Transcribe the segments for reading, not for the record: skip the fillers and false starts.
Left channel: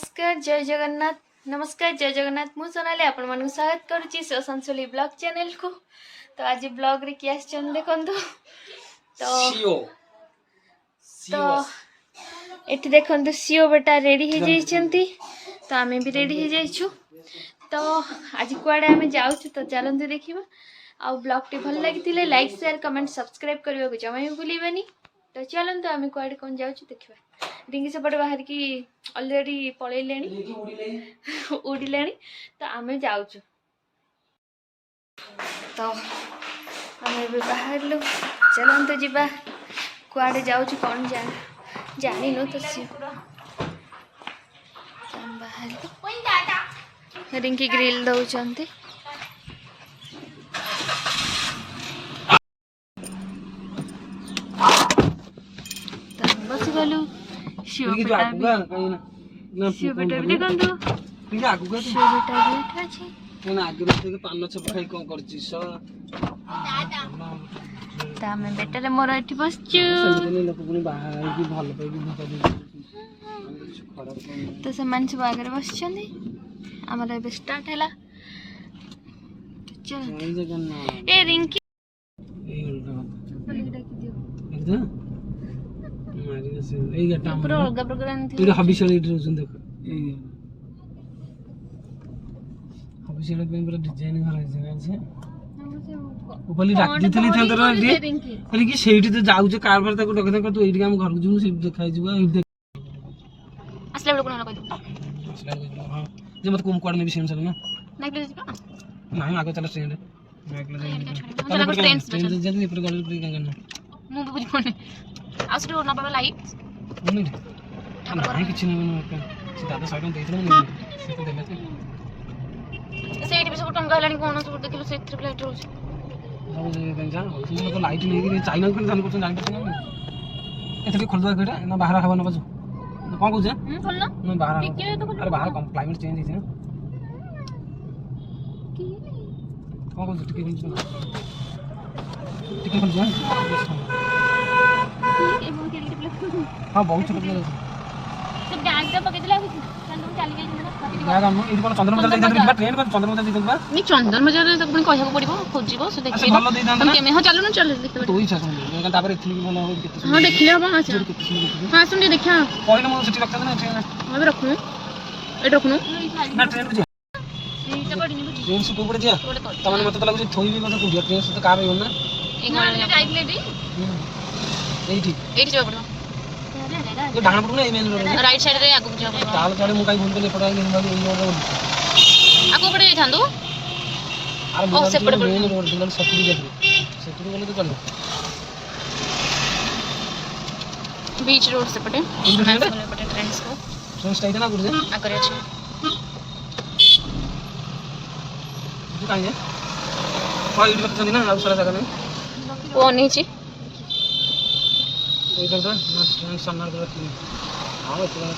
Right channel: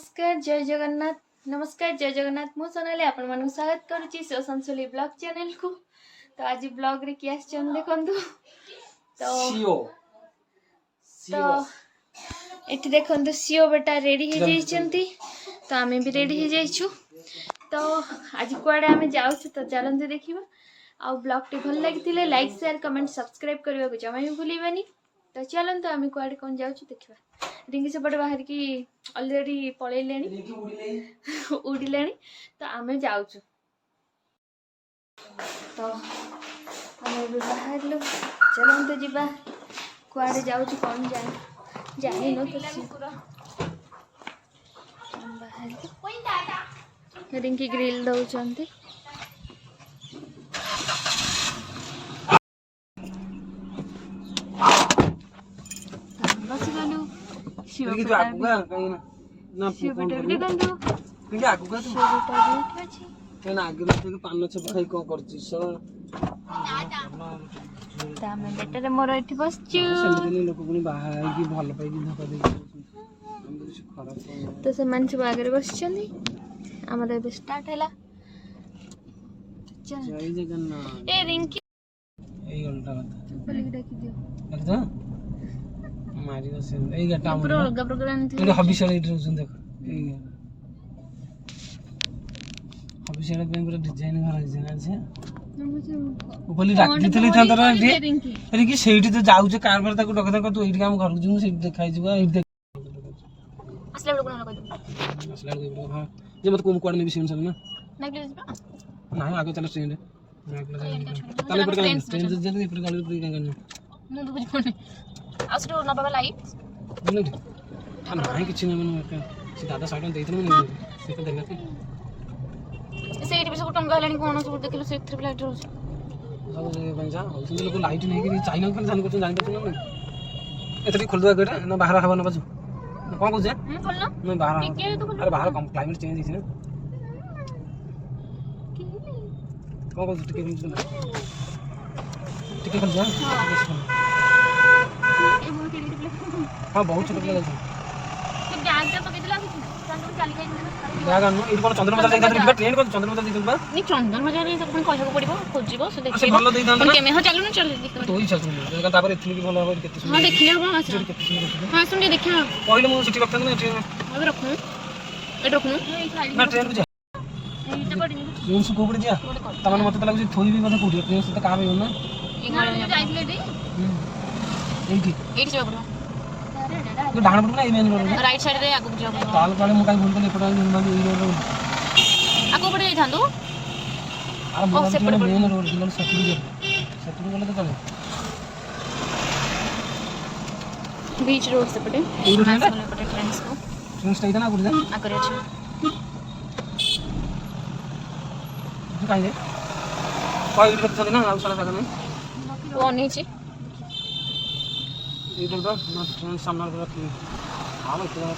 नमस्कार जय जगन्नाथ। नमस्कार जय जगन्नाथ। मु सोनाली आपण मानक स्वागत करुच्ची सो संसोली ब्लॉग चैनल को। तो आज ब्लॉग रे किए आछन देखंतु। तो तो एठी देखंतु सीओ बेटा रेडी हे जाइछंती। तो आमे भी रेडी हे जाइछु। तो आज कुआडे आमे जाउछु तो चलंतु देखिबा। आ ब्लॉग टी भल लागितिले लाइक शेयर कमेंट सब्सक्राइब करबा को जमा भी भूलिबानी। तो चलंतु आमे कुआडे कोन जाउछु देखिबा। रिंगी सेपट बाहर की ऑलरेडी पळैलेनी उड़िलेनी। तो आमे जाउछु। तो आमे भी बाहर लो चलंतु जिबा कुआडे जाउछु कोन जानी नो तो सी बाहर रिंकी ग्रिल दउचंती। बस गलु शिव बेटा भी देखंतु शिव बेटा भी उठा छे ना आगे देखि पान छप खाई को करछि सो तामे बेटा रे मोर एठी बसछु सेमने लोक गुनी बाहार की भल पाई की धोका दे तो से मन सब आगे बसछंदी। हमर ए स्टार्ट हैला चल जय जगन्नाथ। ए रिंकी ए उल्टा मत बोली डाकी दियो देखा मारी न से ए गटा पूरा अलग प्रकार ए हबिशाली दिउसन देख ए हबिशाली पे पूरा डिजाइन घर है जे उपली राख दिथली थांतर रे रिंकी सेठी तो जाउ जे कार पर ताको डक तू एठी हम घर जु से देखाई जबा ए असले लोग ना कह असले लोग हां जे मत कोम कोड में भी सेम सब ना नहीं ले जा नहीं आगे चला ट्रेन मैं अगले ट्रेन जल्दी पर गाड़ी पे करना मु बुझ कोन आसटो न बाबा लाइट नहीं नहीं किछ नहीं मैं से दादा साइड में देख रहा हूं से तो देखे से एटी भी सब टंगा लानी कोन सब देखिबो से एथरे लाइट रोज सब बंजा उसी लोग लाइट नहीं चाइना को जान को जान करछ ना एथरे खुल दो गेट ना बाहर हवा न बजू कौन कुछ है खोलना मैं बाहर अरे बाहर कम क्लाइमेट चेंज है ना कौन कुछ टिकट खोल जा हां बहुत छोटा लगे तो बैग पे पके दिला कुछ चंदन चली गई ना बैग हम इर को चंदन मजा देइथबा ट्रेन को चंदन मजा देइथबा नहीं चंदन मजा रे तो कहबो पड़िबो खोजिबो से देखि भलो देइ दान ना केमे हो चलु न चल देखि तो ही छ तुम तापर एथली भलो हो केते हां देखि लेबो हां सुन देखिया पहिले मु सिटी रखता ना ट्रेन अब रखू ए रखनु ना ट्रेन को ट्रेन से ऊपर जा तमने मत तो लागु थोई भी मत कोडिया ट्रेन से तो काम हो ना एक वाले जाइले दी एठी जा पड़ो तो डाण पड़ो ना ए मेन रोड राइट साइड रे आगु जा पड़ो ताल गाड़ी मु काई भूल पे पड़ा नहीं बाकी ई रोड आगु पड़े थांदो अरे ओ से पड़े मेन रोड दिलन सतुरी गले तो चल बीच रोड से पड़े मैक्सिमम पड़े ट्रेंड्स को ट्रेंड्स टाइट ना गुड जा आगरे छ तू काई जे कोई इधर चली ना और सारा जगह नहीं वो नीचे इधर का ट्रेन सामान को रखी हां वो पूरा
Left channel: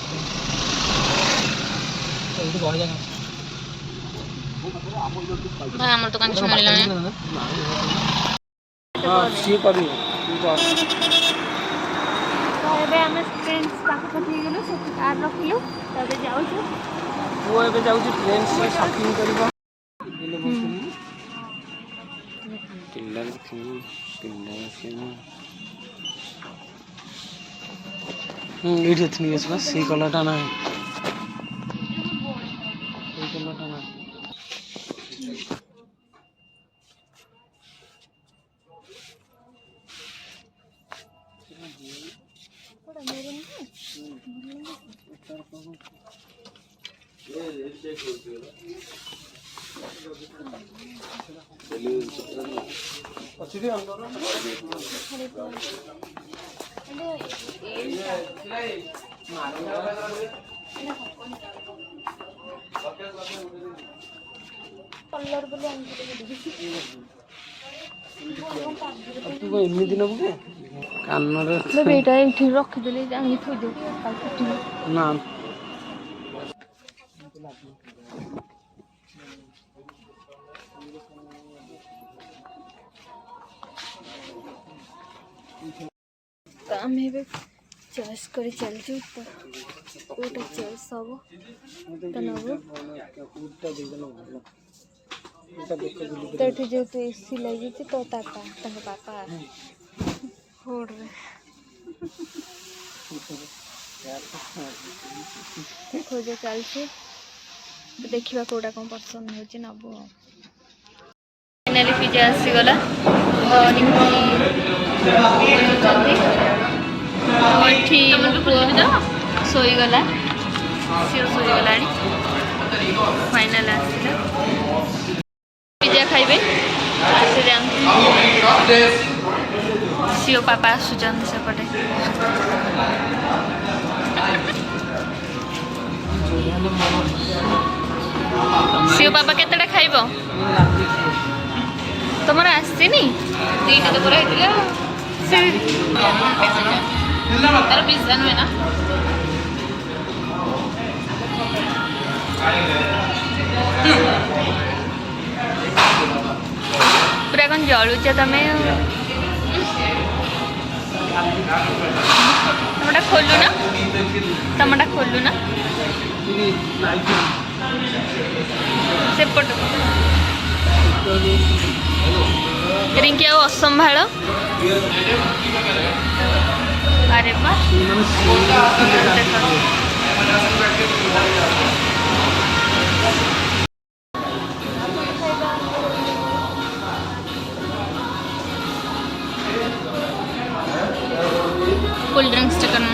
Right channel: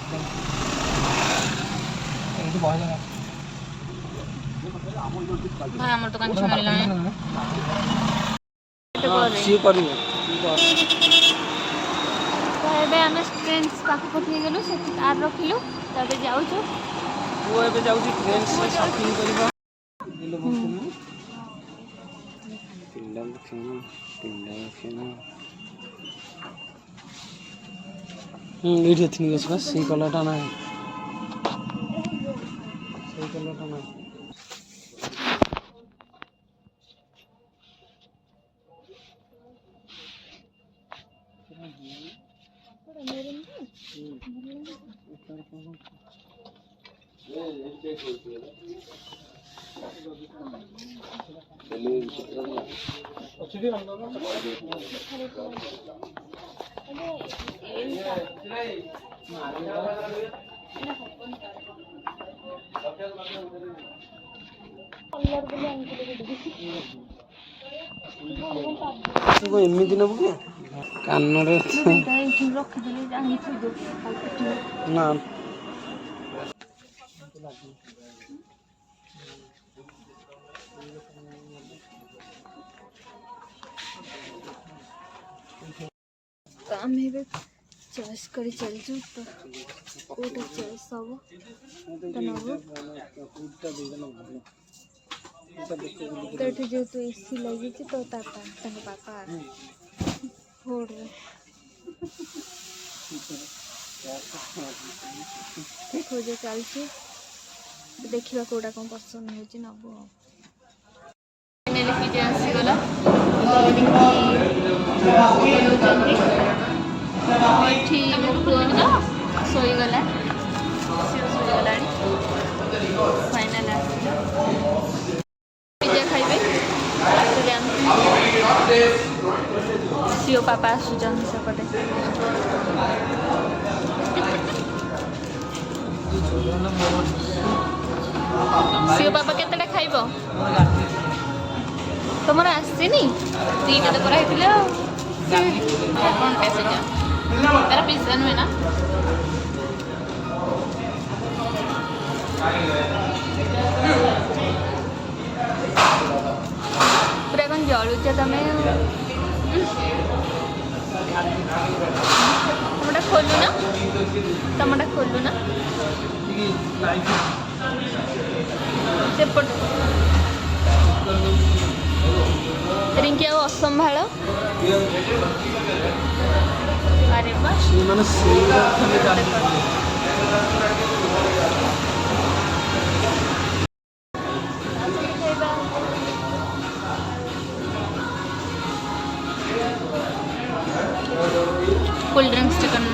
तो इधर बहुत जगह भाई हमर दुकान से मिलला है हां सी करियो तो एबे हम ट्रेन पाक पथि गेलु से कार रखिलु तबे जाउ छु वो एबे जाउ छु ट्रेन से शॉपिंग करबो ले बस किल्ला रखियो एठी थनी है बस सी कलरटा ना सी कलरटा ना थोड़ा मेरे में अच्छी अंदर कलर बोले एमती नबू के कान रखीदे ना तो आम चॉइस करी चलछु तो कोटा चॉइस सब तो नबो तो जो तो एसी लगी थी तो पापा तंग पापा होड़ रे खोजे चलछु तो देखिबा कोटा कोन पसंद होची नबो फाइनली पिज्जा आसी गला शोगला सी शोगला फाइनाल आसला पिज्जा खाइबे सीओ पापा आसुचन सेपटे सीओ पापा केतेटा खाइब तुम आसनी दीटा तो पूरा पिज्जा नुहे ना पूरा कौन जलुच तमें तमटा खोलु ना तमटा खोलु ना सेपट रिंकी आओ असंभाल अरे वाह कोल्ड ड्रिंक्स चिकन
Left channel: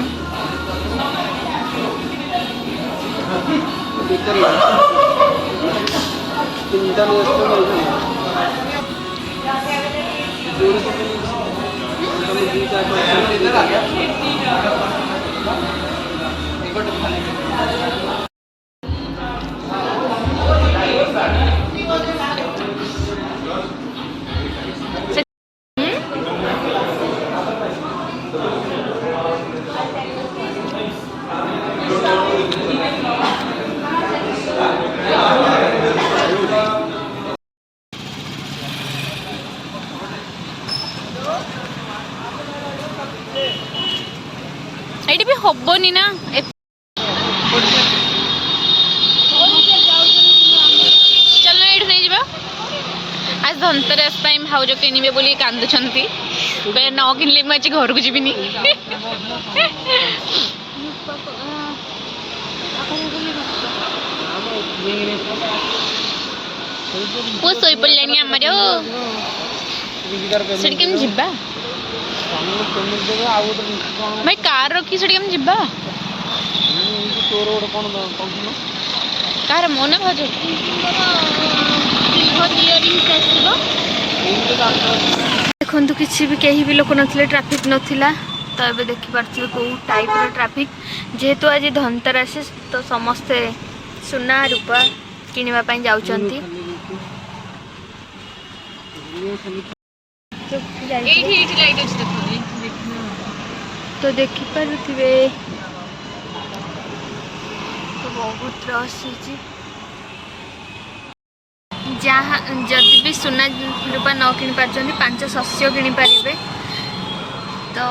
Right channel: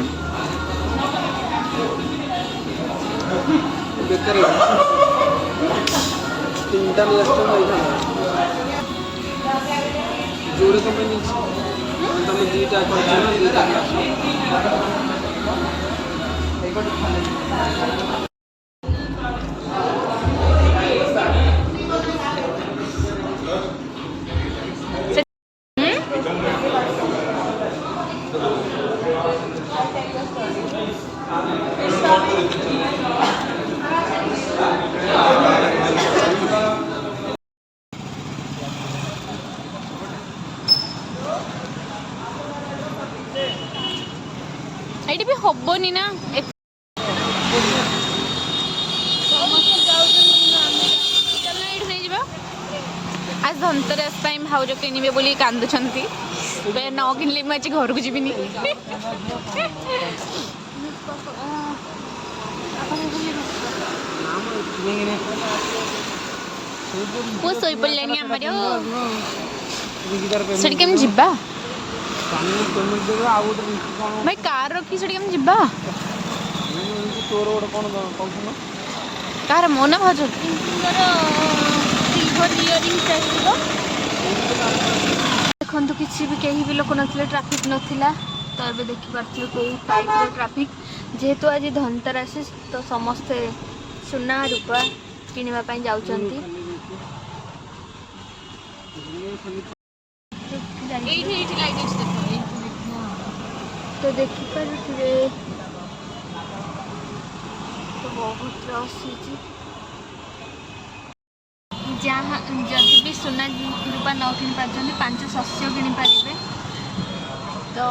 ये भी हबनी ना चल नहीं जा आज धनतेरस भाउज किणवे बोली कांदुंट न किनले मुझे घर को जीविनी पुआ शोई पड़े आमर जीवा भाई कार रखी से जीवा कार मन भज देखु किसी भी कहीं भी लोक नथिले ट्रैफिक नथिला तो ये देखिपे कौ टाइप ट्रैफिक जेहेतु आज धनतेरस तो समस्ते सुना रूपा किणवाई जाऊँगी तो देखिपे तो बहुत रस जहाँ जदि भी सुना रूपा न कि पार्टी 5 शस्य कि पारे तो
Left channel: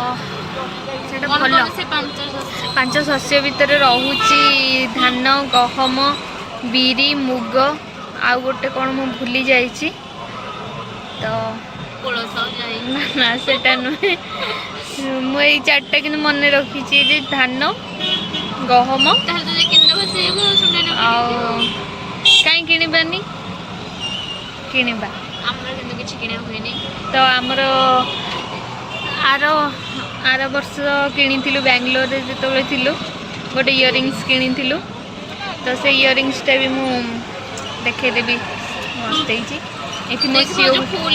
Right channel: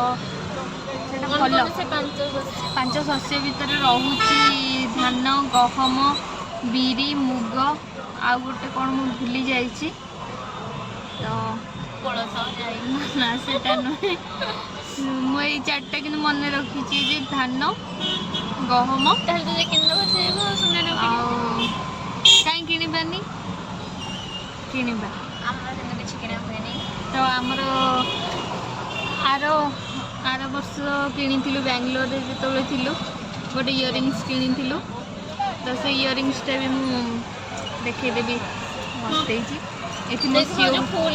सेटा भल 5 शस्य भितर रोची धान गहम बिरी मुग आ गोटे कौन मु भूली जाइए तो ना सेटा नुहे मुझे 4टा कि मन रखी धान गहम कहीं किणवानी किणवा तो आमर आर वर्ष किणीलु बैंगलोर जो थी गोटे इयरिंग्स किणीलु तो से इयरिंग्सटा भी मुझे देखदेवी मस्त फुल